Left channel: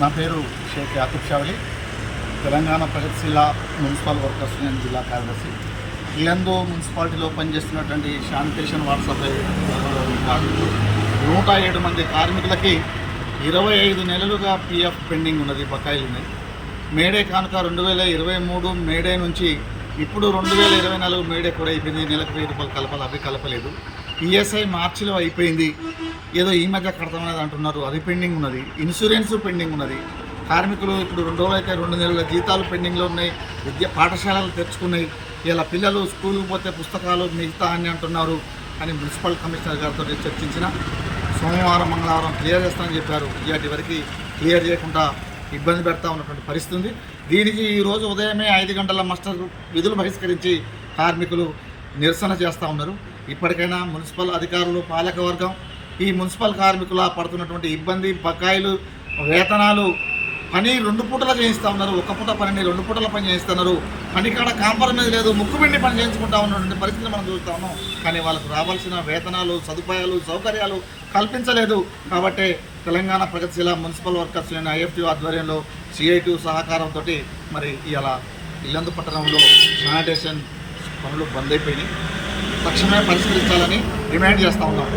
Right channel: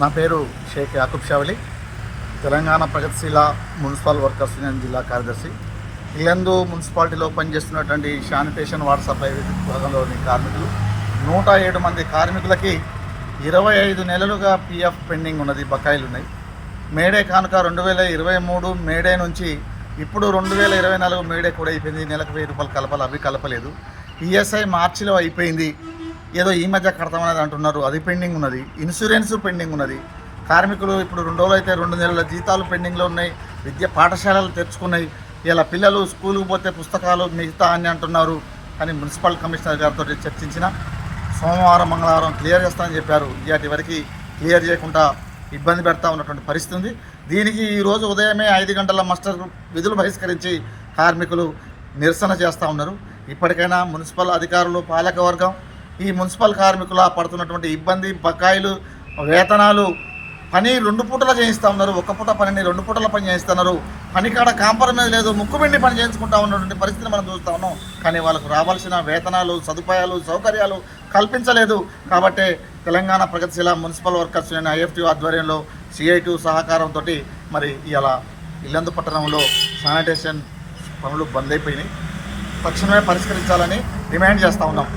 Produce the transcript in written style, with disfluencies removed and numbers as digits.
నా పేరు షేక్ యాకూబ్ షావలి, తెలంగాణ ప్రగతిశీల మున్సిపల్ వర్కర్స్ యూనియన్ జిల్లా కార్యదర్శి. ఇల్లందు మున్సిపాలిటీలో పనిచేస్తున్నటువంటి శానిటేషన్ వాటర్ సప్లై విభాగంలోని కార్మికులు 107 మంది కార్మికులకి 25 నెలలుగా పిఎఫ్ పెండింగ్ ఉన్నది, బకాయిలు ఉన్నాయి. మేడే కానుక 2023 మేడే నుంచి ఇప్పుడు 2024 మేడే కూడా అయిపోయింది. నెలకు 1000 రూపాయలు కలపాలి, అవి కలపలేదు. ఈఎస్ఐ మార్చిలో అయిపోయింది, ఏదో ఈ మధ్య కడతామనేది అంటున్నారు, అది పెండింగ్ ఉన్నది. ఇన్సూరెన్స్ పెండింగ్ ఉన్నది. కార్మికులు ఇప్పుడు 2 రోజులు అయితే 2 నెలల జీతాలు పెండింగ్లో ఉన్నాయి. పాఠశాలలు తెచ్చుకున్నాయి. ఇలా పిల్లలు స్కూల్కి పోతే పుస్తకాలు మిగతా అని అంటున్నారు. కానీ మున్సిపల్ కమిషనర్ గారితో చర్చించిన సోమవారం మంగళవారం క్లియర్ చేస్తామని చెప్పారు. ఇవాటి వరకు క్లియర్ చేయకుండా ఇబ్బంది పెడతా ఉన్నటువంటి పరిస్థితి ఉంది. దీనికి ఈరోజు ఉదయమే 5 గంటల మస్టర్ విధులు బహిష్కరించి కార్మికులు నిరసన చేస్తూ ఉన్నారు. ఇప్పటికైనా మున్సిపల్ అధికారులు, పాలకవర్గం ఈ మున్సిపల్ కార్మికుల పడుతున్నటువంటి ఇబ్బంది, బకాయిలు, వేతనాలు, పని 2 పూటలా చేయిస్తూ ఉన్నారు. 1 పూట పనిని 2 పూటల పని చేయిస్తున్నారు. పని కాడ కాంప్రమైజ్ లేదు, ముక్కుబిండి పని చేయించుకుంటా ఉన్నటువంటి పరిస్థితిని మనం చూస్తూ ఉన్నాం. కానీ వాళ్ళకు రావాల్సిన వేతనాలు, సదుపాయాలు, సౌకర్యాలు కల్పించలేదు. కాబట్టి తెలంగాణ ప్రగతిశీల మున్సిపల్ వర్కర్స్ యూనియన్ ఐఎఫ్టీ ఆధ్వర్యంలో సిఐటి సహకారంతో మరి ఇలా ఇల్లందు పట్టణంలో శానిటేషన్ పనులు బంద్ అయిపోయినాయి. తక్షణమే పరిష్కరించాలని డిమాండ్ చేస్తూ ఉన్నాం.